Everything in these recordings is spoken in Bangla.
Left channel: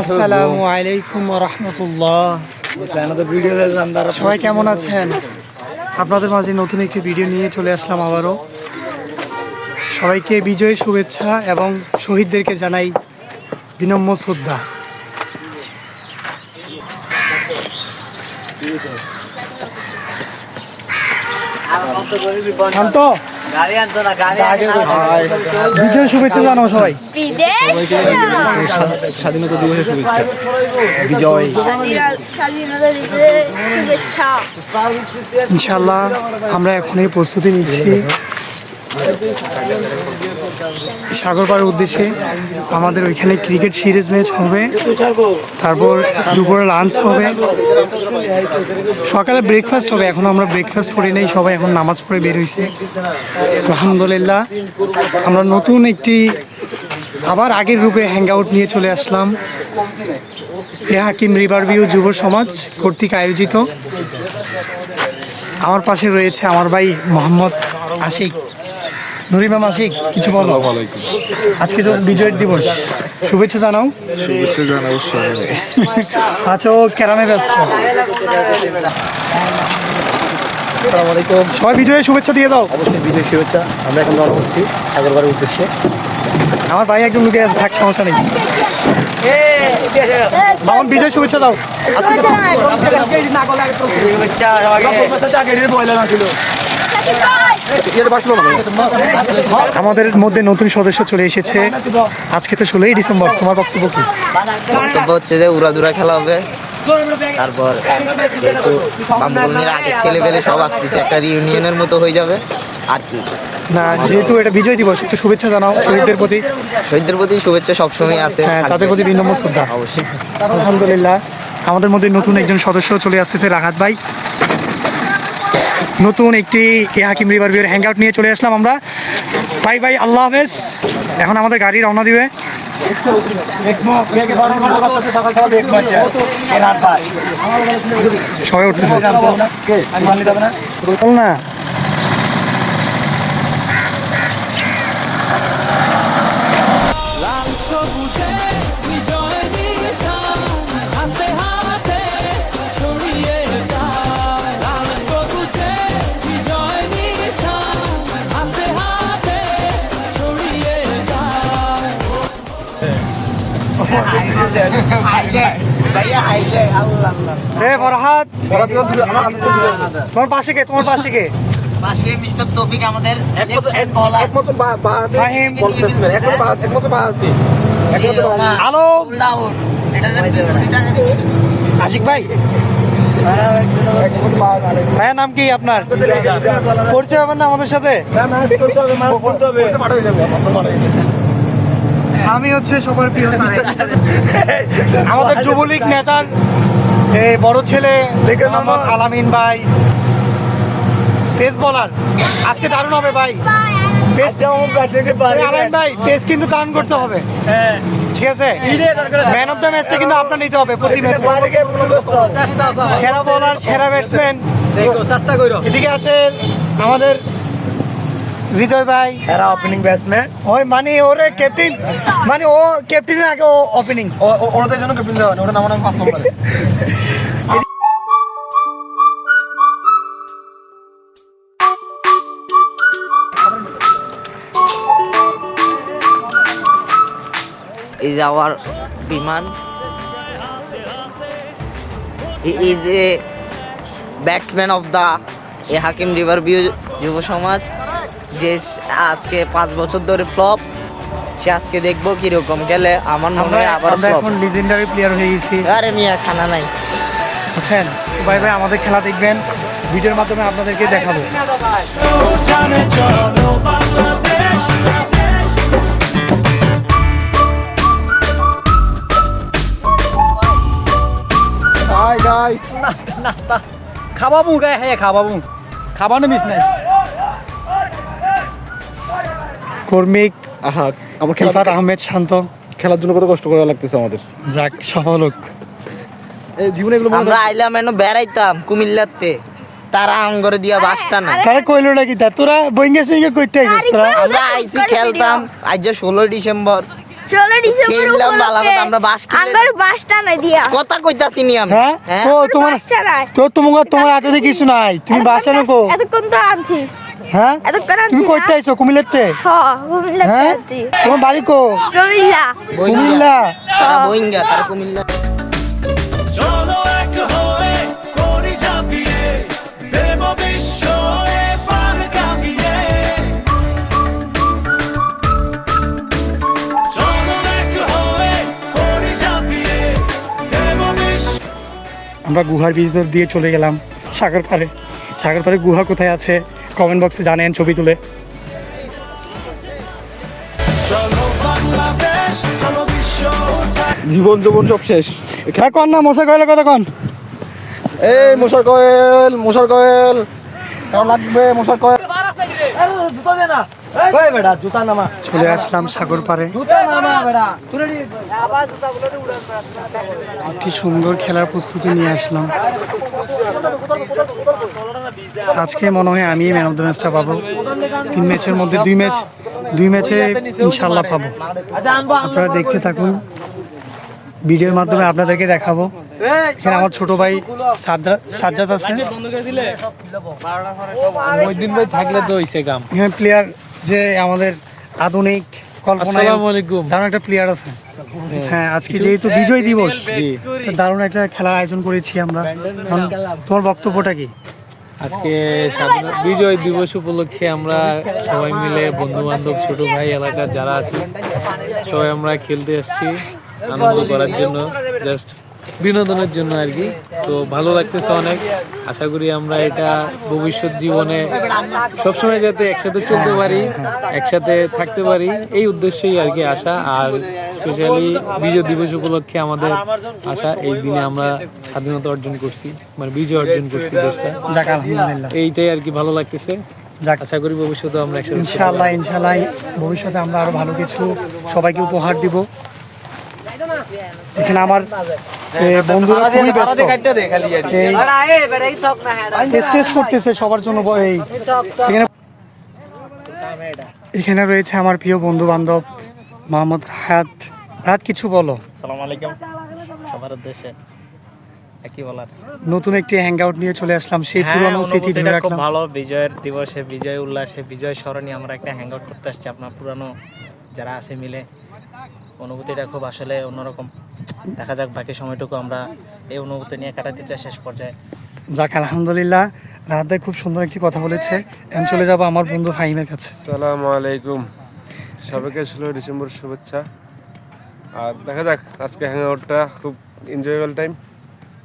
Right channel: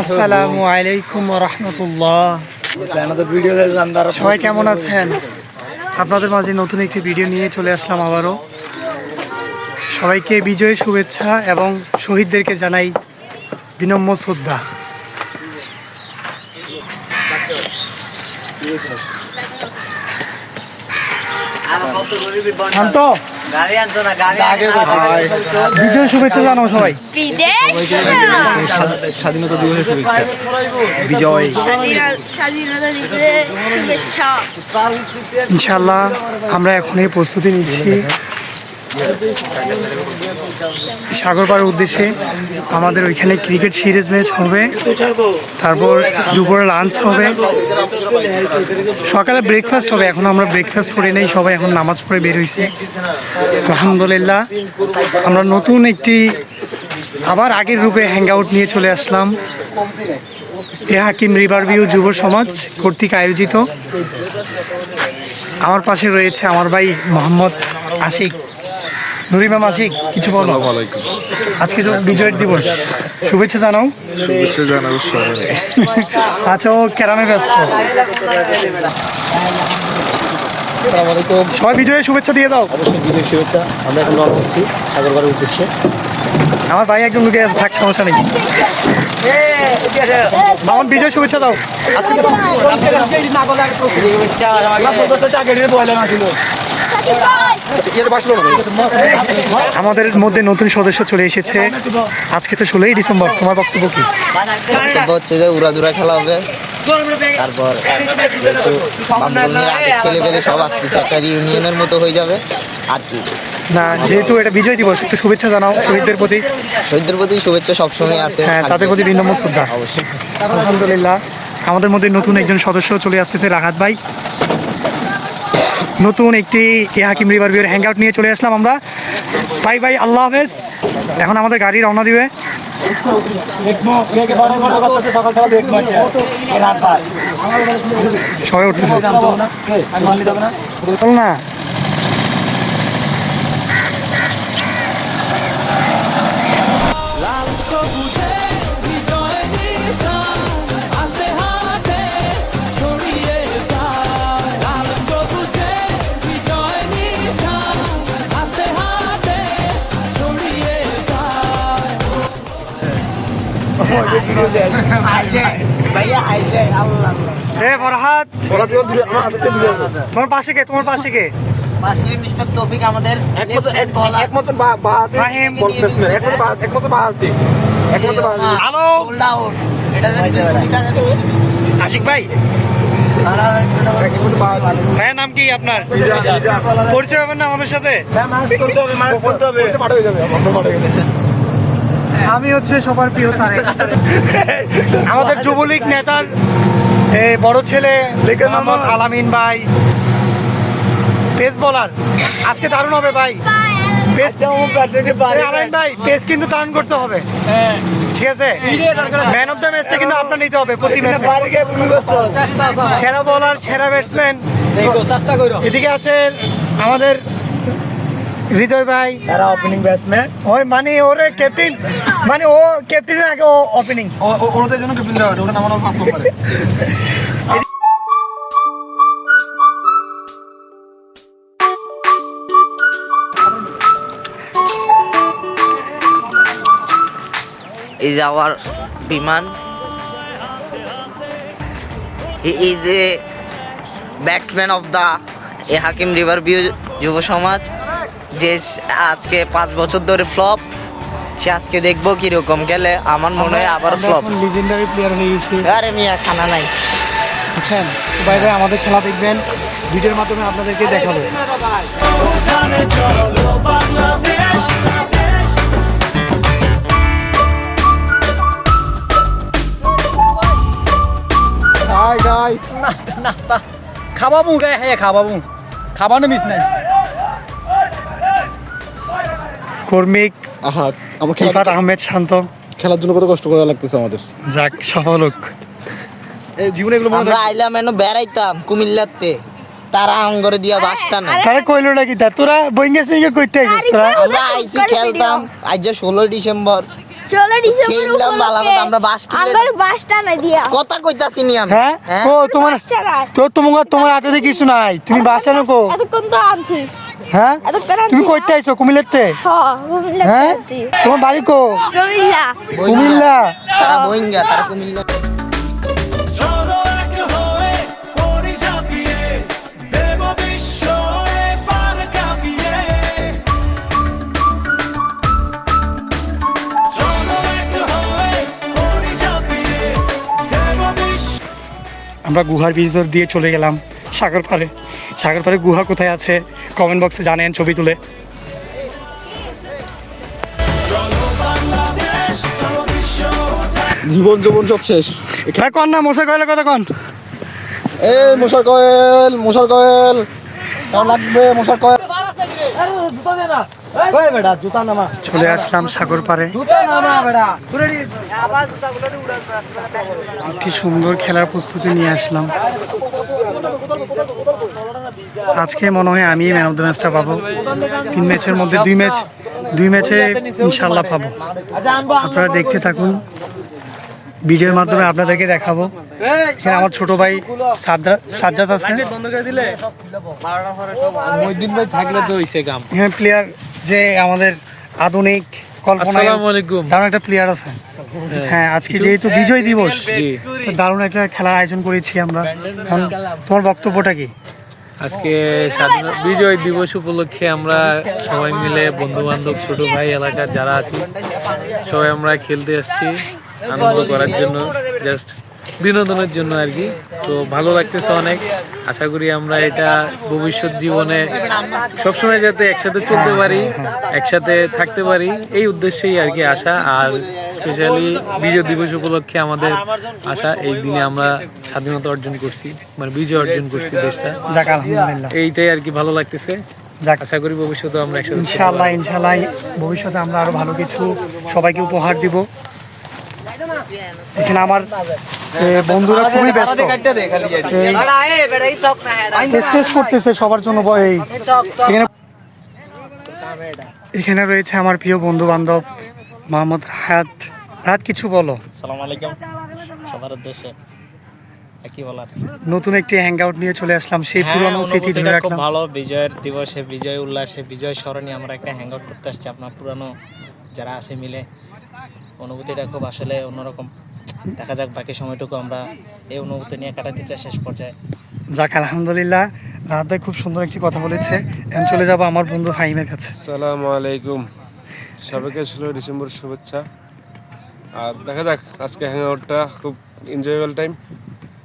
আসসালামু আলাইকুম ওয়া রাহমাতুল্লাহ। সবাই কেমন আছেন? আপনাদের মাঝে নতুন একটি ভিডিও নিয়ে চলে আসলাম আবারও। সবাইকে বিজয় শুভেচ্ছা এবং শহীদদেরকে জানাই বিনম্র শ্রদ্ধা। শান্ত বিজয় শুভেচ্ছা জানাও সবাই। স্বাধীনতা দিবসের শুভেচ্ছা। বিজয় ইনশাল্লাহ আমরা এখনই প্রস্তুতি নিচ্ছি সাগরপাড়ের উদ্দেশ্যে। আমাদের ওইখানে ক্রিকেট সিরিজ ম্যাচ হবে, তারপর দুপুরে লাঞ্চ হবে, সকালে ব্রেকফাস্ট হবে। এখন আমরা ব্রেকফাস্ট করে নেই, সবাই এখন নামাজ পড়ে বের হয়েছে আলহামদুলিল্লাহ। আমরা নতুন একটি আবার আগের রূপে হ্যাং আউট নিয়ে চলে আসলাম। এ হাকিম রিভার ভিউ যুব সমাজ কর্তৃক আয়োজিত। আমার পাশে রয়েছে আমার ভাই মোহাম্মদ আশিক। নুরিমা মাসিক কিছু বলো। আজকে তো বিজয়ের দিবস, শুভেচ্ছা জানাও। শুভেচ্ছা জানাও সময়। আচ্ছা, ও ক্যারামে ব্যস্ত। আসসালামু আলাইকুম। সবাই বিজয়ের শুভেচ্ছা দিয়ে দাও। অবশ্যই বিজয় শুভেচ্ছা। আমরা এখন রওনা হচ্ছি সাগরপাড়ের উদ্দেশ্যে। আমার ভাই একজন লুকে আছে, থাক সমস্যা নেই। মামন বিজয় শুভেচ্ছা দাও। আমাদের মধ্যে নতুন সদস্য চলে এসেছে। আজকে তো 16ই ডিসেম্বর, তোমার বক্তব্য কি? বক্তব্য হচ্ছে যে উড়াদুরা খেলা হবে, তারপর যেহেতু বামগুলির আগের ছেলে পেলে সব আসতেছে, একটা রিউনিয়নের মতো হয়ে যাবে আর কি। না, যেহেতু এটা বিজয় দিবস, একটু শুভেচ্ছা জানাও শহীদদের প্রতি। শহীদদের প্রতি শুভেচ্ছা সবসময় আছে, হ্যাঁ, তাদের প্রতি বিনম্র শ্রদ্ধা। অবশ্যই। আলহামদুলিল্লাহ আমাদের মধ্যে নতুন একজন সদস্য চলে আসতেছে, রাহাত ভাই। নতুন একটি এ হাকিম রিভার ভিউর হ্যাং আউট নিয়ে চলে আসলাম আমরা। বাই বাই, আল্লাহ হাফেজ। এখন আমাদের গাড়ি রওনা দিবে। সবাই উঠতেছে বল না। ফরহাদ, তোমার পাশে কে? তোমার পাশে কে? পাশে মিস্টার তৌফিক আমাদের ফাহিম। হ্যালো আশিক ভাই, ভাইয়ের নাম কি আপনার? পরিচয় হবেন না আমাদের সাথে? আমি হচ্ছে সবার প্রিয় আমাদের যুবলীগ নেতার বড় ছেলে মোহাম্মদ আলামিন ভাই, পেস বলার। আজকে দারুণ হবে ভাই। আলামিন ভাই, পেস কিন্তু দারুণ করতে হবে, ঠিক আছে? ম্যান অফ দ্য ম্যাচটা কিন্তু আপনার নিতে হবে প্রতি ম্যাচে। সেরা বলার, সেরা ব্যাটসম্যান। এদিকে আছে আমাদের হৃদয় ভাই, এরা ওপেনিং ব্যাটসম্যান। ওই মানে ওরে ক্যাপ্টেন, মানে ও ক্যাপ্টেনের আগে ও ওপেনিং। ওনাদের জন্য ক্যাপ্টেন দেওয়া হয়, ওটা নামানো 5 নম্বরে। is our বিমান। He is a batsman of the A Hakim river view যুব সমাজ, যে আজকে 5 বছর ধরে ফ্লপ। সে আজকে দেখবো কিরকম খেলে। আমার মনে হয় আবার ফ্লপ। এখন লিজেন্ডারি প্লেয়ার হয়ে গেছি। আরে মিয়া খানা নাই। বুঝছেন? ভাই ভাই আমাদের খেলা দেখবেন, ভিডিওর মাধ্যমে আপনাদেরকে দেখাবো। খাবাবো গায়ে, হ্যাঁ খাবাবো, খাবানো মিস নাই। কর্মিক আমার রিফাত আহমেদ শান্ত। খেলার জন্য কত কষ্ট করা লাগতেছে আমাদের। যাক, সফল হোক। এই জীবনে এগুলো আমরা আইলাম এনে বেড়াইতাম কুমিল্লাতে, তারা আঙ্গরে দিয়া বাসটা না। তারা কইলো নাকি তা তোরা বইঙ্গা সিঙ্গা কইতে আইছিস তোরা? আমরা আইসি খেলতাম। আজ যে 16 ডিসেম্বর চলে ডিসেম্বর খেললাম ভালো উপলক্ষে কথা, আমরা বাস কিনে- আঙ্গার বাসটা না দিয়া কথা কইতাছি নি আমি হ্যাঁ হ্যাঁ? ও তোমার বাসটা নাই তোমার হাতে কিছু নাই, তুমি বাসা নাকো। এতক্ষণ তো আনছি হ্যাঁ এতক্ষণ আনছি তুমি কইতে আইছো কুমিল্লাতে? হ্যাঁ কুমিল্লা হ্যাঁ আনছি তোমার বাড়ি কো? কুমিল্লা কুমিল্লা। তারা বইঙ্গা, তারা কুমিল্লা। চলো এক হয়ে করি ঝাঁপিয়ে দেব বিশ্ব এবার কাঁপিয়ে চলো এক হয়ে করি ঝাঁপিয়ে দেব বিশ্ব আমরা গুহার ভিতর দিয়ে চলে গেলাম সাগর পাড়ে। সাগর পাড়ে গুহা কোথায় আছে কমেন্ট বক্সে জানেন, ছবি তুলে। চলো বাংলাদেশ চলো বিশ্ব জীবন যৌবন সব শেষ। হ্যাঁ কন না মশা কয়লা কথা কন। এই মশার কয়েল কেমন লাগবে মশার কয়েল? চলে আসলাম সাগর পাড়ে। একটি সুন্দর খেলার প্রস্তুতি নিয়ে আসলাম। আজকে মনে হয় আমি ম্যান অফ দ্য ম্যাচটা পাবো। 3 ম্যাচের মধ্যে 2 ম্যাচে ইনশাল্লাহ পাবো। আপনারা দেখতে থাকুন, ভিডিওর মাধ্যমে আপনাদেরকে দেখাবো। এখানে আমার ছোট ভাই সাজ্জাদ আছে। এখানে প্লেয়ার যে আমাদের আধুনিক কল্পনা দারুণ একটা প্লেয়ার আছে। হ্যাঁ আজকে যেহেতু বিজয় দিবস, তো দারুণ একটা খেলার আয়োজন করেছি আমরা। এখন তোমার বক্তব্যটা কি? আজকে বিজয় দিবস উপলক্ষে আমরা সবাই মিলে বন্ধু বান্ধব ছোট ভাই এলাকার যারা আছে সবাই আমরা খেলতে আসছি আনন্দ করার জন্য, জাস্ট বিনোদনের জন্য আর কি। তো ভালো লাগতেছে অনেক। আশা করি আমরা এটা ভবিষ্যৎ জীবনে সবসময় যাতে একসাথে চলতে পারি, একসাথে থাকতে পারি, এই উদ্দেশ্যেই আর কি আসা। আর স্পেশালি বিজয় দিবস উপলক্ষে আমাদের আশা, এই দিনে আমরা স্বাধীনতা অর্জন করছি, মানে বিজয় অর্জন করছি দেশটা। যাক আলহামদুলিল্লাহ, এইটাই আর কি ভালো লাগতেছে। যাক আশা করি ভবিষ্যতে আমরা একসাথে থাকতে ইনশাআল্লাহ পারবো। ইনশাআল্লাহ ভবিষ্যতে আমরা আরো ভালো কিছু সবাইকে উপহার দিব। এখানে আমার বন্ধুরা খুবই ব্যস্ত, স্টেজ করতেছে সবার জন্য। এখানে রয়েছে আমার প্রিয় বন্ধু বান্ধব মোহাম্মদ রাহাত। রাহাত কিছু বলো। আসসালামু আলাইকুম সবার উদ্দেশ্যে কি বলার। নতুন একটি হ্যাং আউট নিয়ে চলে আসলাম, সেই হ্যাঁ, পুরনো স্মৃতি ধরে অনুভূতিটা খুব রাখলাম। ভালো। বিজয়ের দিবসে, বিজয় উল্লাসে, বিজয় স্মরণে আমরা একটা হ্যাং আউট করতে আসছি আপনার পুরানো যারা আছে মিলে। অনুভূতিটা খুব আসলে অন্যরকম। দেখা যাক বাকি সময়টুকু আমরা এই অনুভূতি নিয়ে কাটাতে চাই শেষ পর্যায়ে। যাক আলহামদুলিল্লাহ, রাহাত ভাই খুব সুন্দর একটি কথা বলেছে। এখন চলে যাবো আমার বন্ধু ফাহিমের কাছে। আসসালামু আলাইকুম, সবাইকে 16 ডিসেম্বর শুভেচ্ছা। আর দেখা যাক আজকে হ্যাং আউটটা খুব এনজয়েবল টাইম,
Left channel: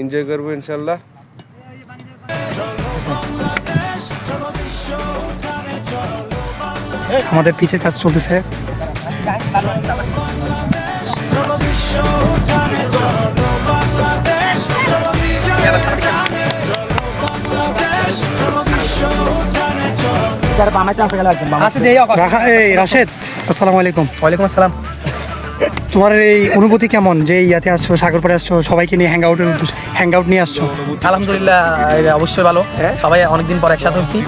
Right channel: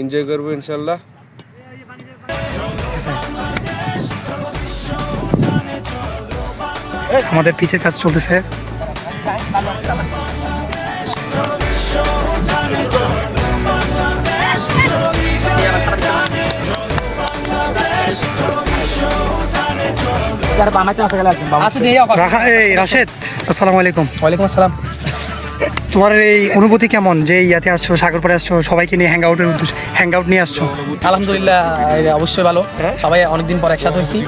এনজয় করবো ইনশাল্লাহ। আমাদের পিচের কাজ চলতেছে। রাশেদ আসসালামু আলাইকুম। ওয়ালাইকুম আসসালাম। তোমার এই অনুভূতি কেমন যে ইয়াতে আসছো, সাগর পাড়ে আসছো, সবাইকে নিয়ে হ্যাং আউট নিয়ে আসছো? আলহামদুলিল্লাহ, এটা অবশ্যই ভালো। সবাই অনেকদিন পর একসাথে হয়েছি।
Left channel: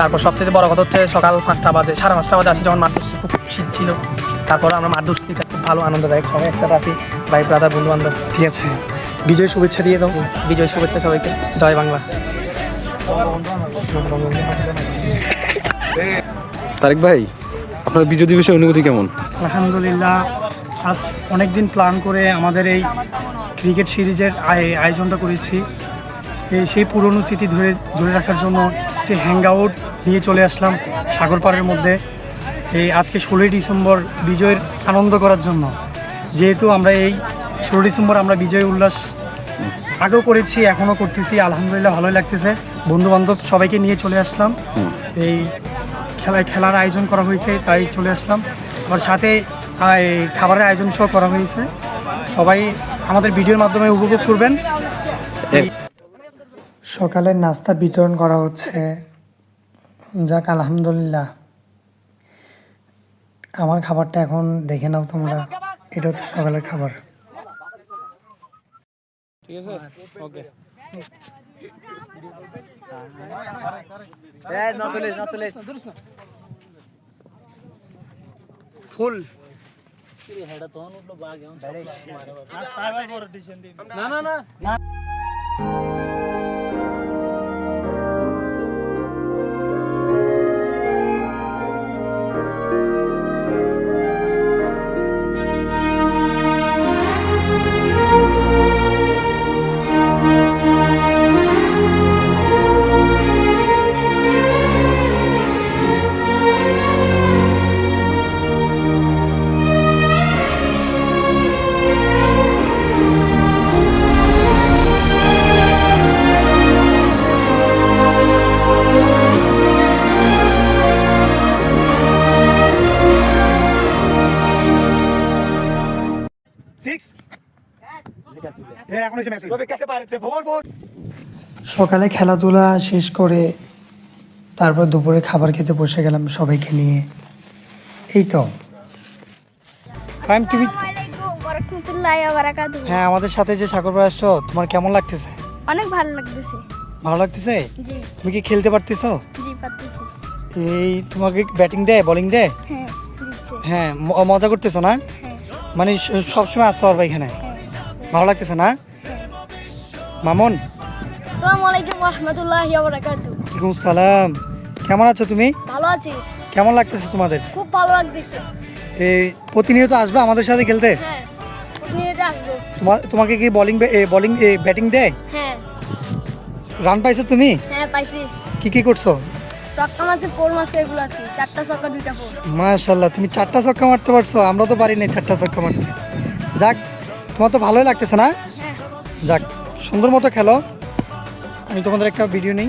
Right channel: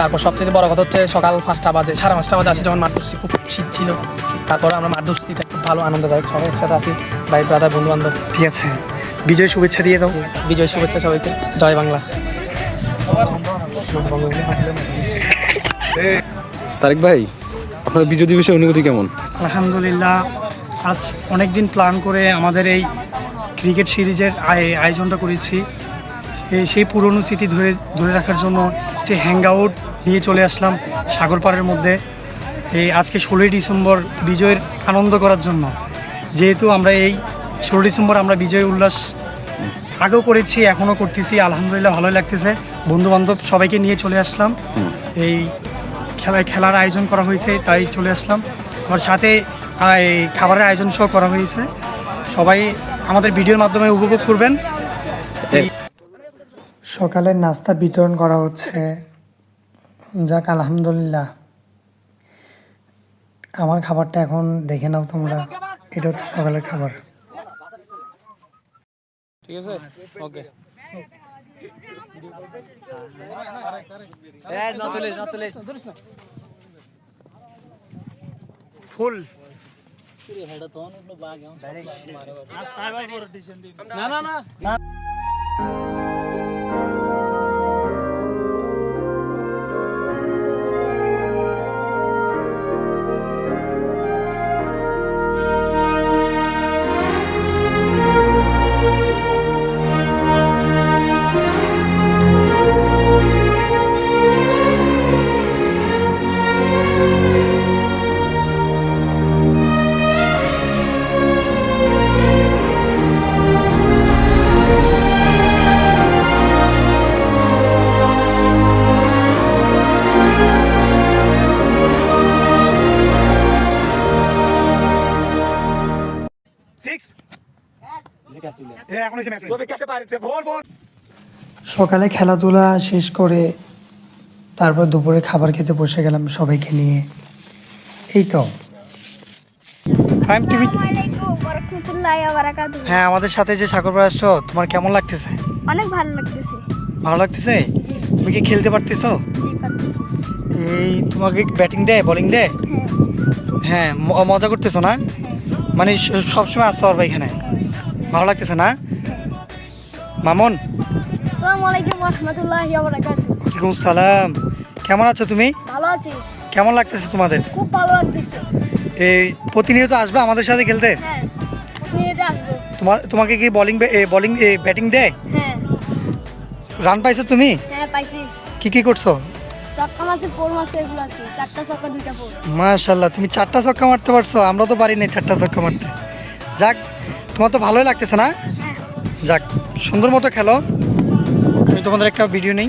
তারপর সবচেয়ে বড় কথা হচ্ছে সকাল 5টা বাজে, 5:30 বাজে আসি যখন মাঠ ধরছি, খুব শীত ছিল। তারপর আমরা মাঠ ধরছি, এটা খুব ভালো আনন্দদায়ক। সবাই একসাথে আছি, ভাই ব্রাদার বন্ধু বান্ধব। ঠিক আছে, বিজয় শুভেচ্ছা দিয়ে দাও। বিজয় শুভেচ্ছা সবাইকে, জয় বাংলা। তারেক ভাই, আপনার বিজয় দিবসের অনুভূতি কেমন? আলহামদুলিল্লাহ, আজ অনেক দিন প্ল্যান করে আমাদের এই ক্রিকেট সিরিজের আয়োজনটা করেছি। সেই পুরনো স্মৃতি ধরে রাখার জন্য একটি হ্যাং আউট নিয়ে চলে আসলাম সাগর পাড়ের মধ্যে। এই আজকে 16 ডিসেম্বর বিজয়ের আনন্দ করার জন্য। যেহেতু আমরা এই 16 ডিসেম্বর আমরা বিজয় উল্লাস আগেও করেছি, এখনও করতেছি। আলহামদুলিল্লাহ ভালোই লাগতেছে। বন্ধু বান্ধব সবাইকে নিয়ে চলে আসলাম। এই খেলার আয়োজন করা হয়েছে, তাই চলে আসলাম। আমার সাথে এই খাবারের আয়োজন সহ করা হয়েছে। সবাই আমাদের ভিডিওর মাধ্যমে উপভোগ করবেন। সকালের নাস্তা বিতরণ করা হচ্ছে। যাক আলহামদুলিল্লাহ, আমার খাবারটা এখন দেখে নাও তোমরা। এটা হচ্ছে সকালের খাবার। ঠিক আছে, ওকে। ফুল সকালে খেলাধুলা শেষ করে তারপর দুপুরে খাবার খেতে বসে গেলাম সবাইকে নিয়ে। এই তো প্রাইম টিভি। আসসালামু আলাইকুম ওয়া রাহমাতুল্লাহি ওয়া বারাকাতুহু। হ্যাঁ, আমাদের সাথে যে সাগর ভাই আসছো, তোমার কেমন লাগতেছে? অনেক ভালো লাগতেছে। ভালো লাগতেছে? জি তুমি কি খেলতে পারতেছো? জি পারতেছি। এই তোমাকে ব্যাটিং দেয়, বোলিং দেয়? হ্যাঁ হ্যাঁ, মজা করতেছো না? মানে সবসময় আসতে পারবা এখানে? ভালো লাগতেছে না? মামুন। আসসালামু আলাইকুম ওয়া রাহমাতুল্লাহি ওয়া বারাকাতুহু। ওয়ালাইকুম সালাম। কেমন আছো তুমি? ভালো আছি। কেমন লাগতেছে তোমাদের? খুব ভালো লাগতেছে। এই প্রতিনিয়ত আসবে আমাদের সাথে খেলতে? হ্যাঁ আপনি এটা আসবো। তোমাকে কি বোলিং ব্যাটিং দেয়? হ্যাঁ রান পাইছো তুমি? হ্যাঁ পাইছি। কি করছো? ছক্কা মারছে, ফোর মারছে, এগুলো আছে। 4টা ছক্কা 2টা ফোর। মাশাআল্লাহ, তুমি 4টা ছক্কা মারতে পারছো, আমরা তো পারি না 4টা ছক্কা মারতে। যাক, তোমার তো ভালোই লাগতেছে না? যাক, সুন্দর মতো খেলো। আমি তোমাদের একটা ভিডিও নেই।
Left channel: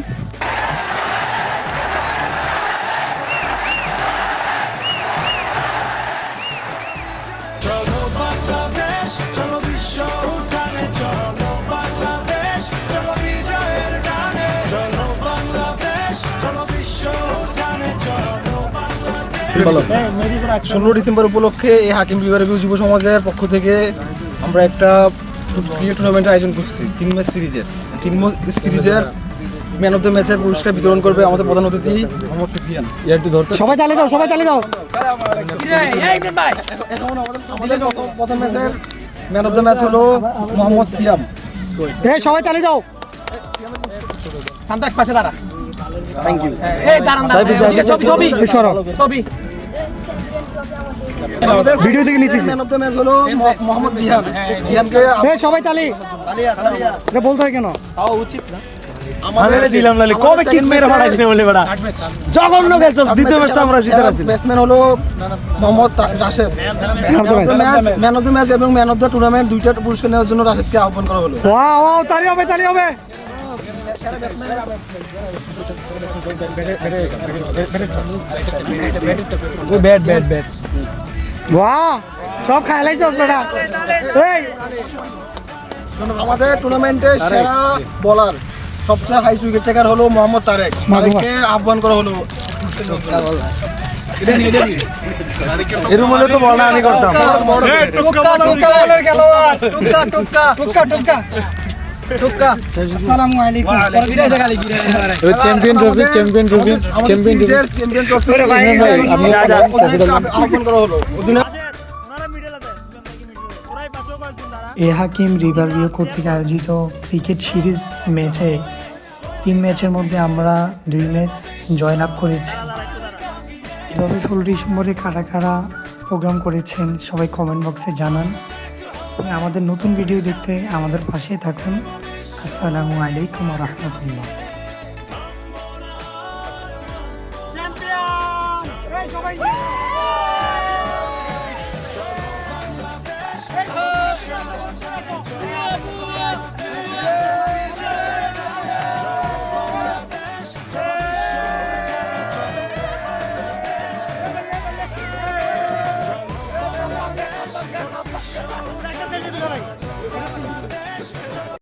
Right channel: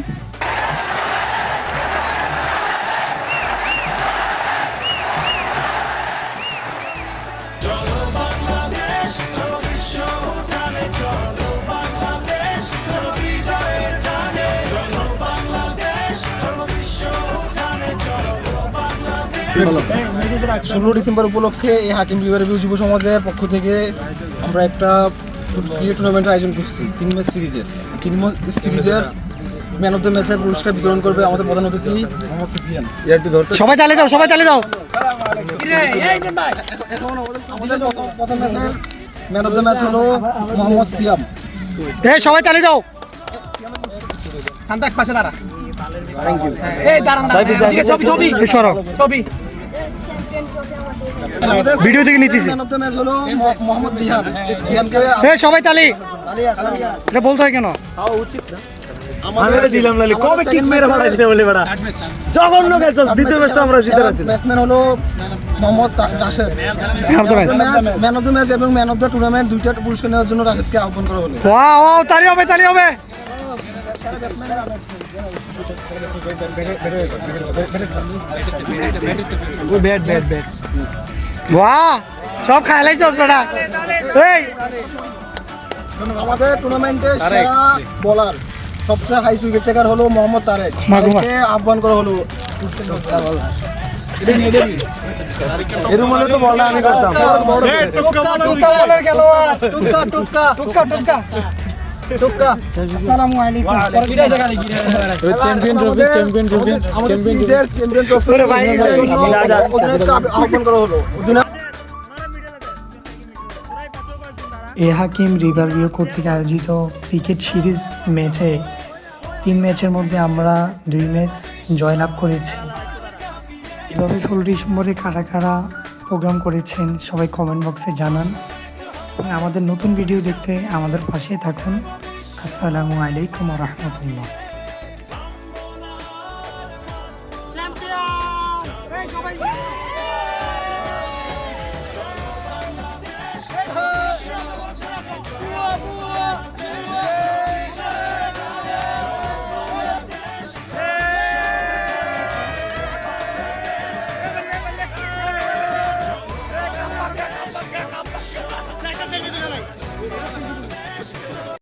চলো বাংলাদেশ চলো বিশ্ব উঠানে চলো বাংলাদেশ চলো বিজয়ের টানে চলো বাংলাদেশ চলো বিশ্ব উঠানে চলো বাংলাদেশ। 16 ডিসেম্বর উপলক্ষে এই হাকিম রিভার ভিউ যুব সমাজের পক্ষ থেকে আমরা একটা ক্রিকেট টুর্নামেন্টের আয়োজন করছি 3 ম্যাচ সিরিজের। 3 ম্যাচ সিরিজের ম্যান অফ দ্য ম্যাচের পুরস্কার বিতরণ করবে আমাদের প্রধান অতিথি মোহাম্মদ সুফিয়ান। সবাই তালি দাও, সবাই তালি দাও। প্রথম ম্যাচের ম্যান অফ দ্য ম্যাচ হলো মোহাম্মদ সিয়াম। এই সবাই তালি দাও। শান্তাক পাশে দাঁড়া। Thank you. এই দাঁড়ান ছবি এই সরো। ছবি। ভিডিও থেকে নিতেছি। ম্যান অফ দ্য ম্যাচ হলো মোহাম্মদ বিহান। বিহানকে এই সবাই তালি। এটা বলতে হয় কেন? আমাদের দিলাম না কবে কিক মেরে ফাড়াই দিতে বলে বড় জঘন্য ম্যাচ দ্বিতীয় ম্যাচটা আমরা জিতে গেছি। ব্যাটসম্যান হলো Mohammad Rashed. Man of the match এবং ম্যান অফ দ্য টুর্নামেন্ট দুইটা পুরস্কার নেওয়ার জন্য রাশেদকে আহ্বান করা হলো। ওয়াও, তালি হবে, তালি হবে। বাহ, সব খাইলাইছস বেটা। এই আমাদের টুর্নামেন্টের সেরা বোলার সবচেয়ে হাই উইকেট টেকার হলো মোহাম্মদ তারেক। তারেককে আহ্বান করা হলো। এর মধ্যে তো বল আমি করতাম বড় টুকা বলের খেলোয়াড়। টুকা। আসসালামু আলাইকুম। চ্যাম্পিয়ন ট্রফি আমাদের সিরিজের চ্যাম্পিয়ন ট্রফি আহ্বান করা হলো। এ হাকিম রিভার ভিউ কর্তৃক আয়োজিত ক্রিকেট সিরিজ ম্যাচে 3 ম্যাচের মধ্যে আমরা 2 ম্যাচ জয়লাভ করেছি। এভাবে 16 ডিসেম্বরে কারা কারা প্রোগ্রাম করেছেন সবাই কমেন্ট বক্সে জানান। এবং আমাদের নতুন ভিডিও দেখতে আমাদের পাশে থাকুন। আসসালামু আলাইকুম ওয়া রাহমাতুল্লাহ।